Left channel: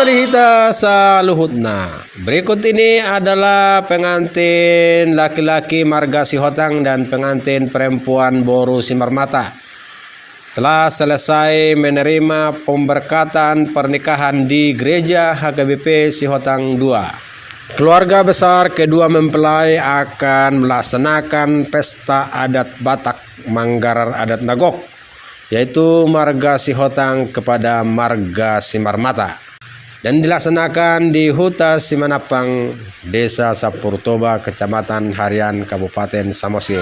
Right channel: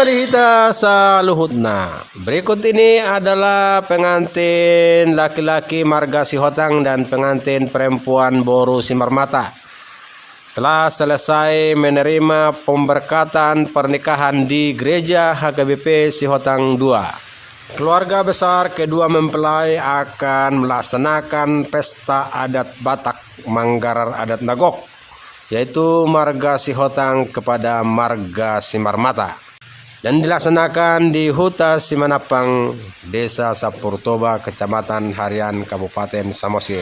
marihita sa luhutna. Berikut ini adalah pengantin laki-laki marga Sihotang dan pengantin perempuan Boru Simarmata. Telah selesai menerima pemberkatan pernikahan di gereja HKBP Sihotang II. Keluarga besar kedua mempelai akan melaksanakan pesta adat Batak Manggarar adat Nagok, yaitu marga Sihotang kepada marga Simarmata, yang dilaksanakan di Huta Simanapang, Desa Sapurtoba, Kecamatan Harian, Kabupaten Samosir.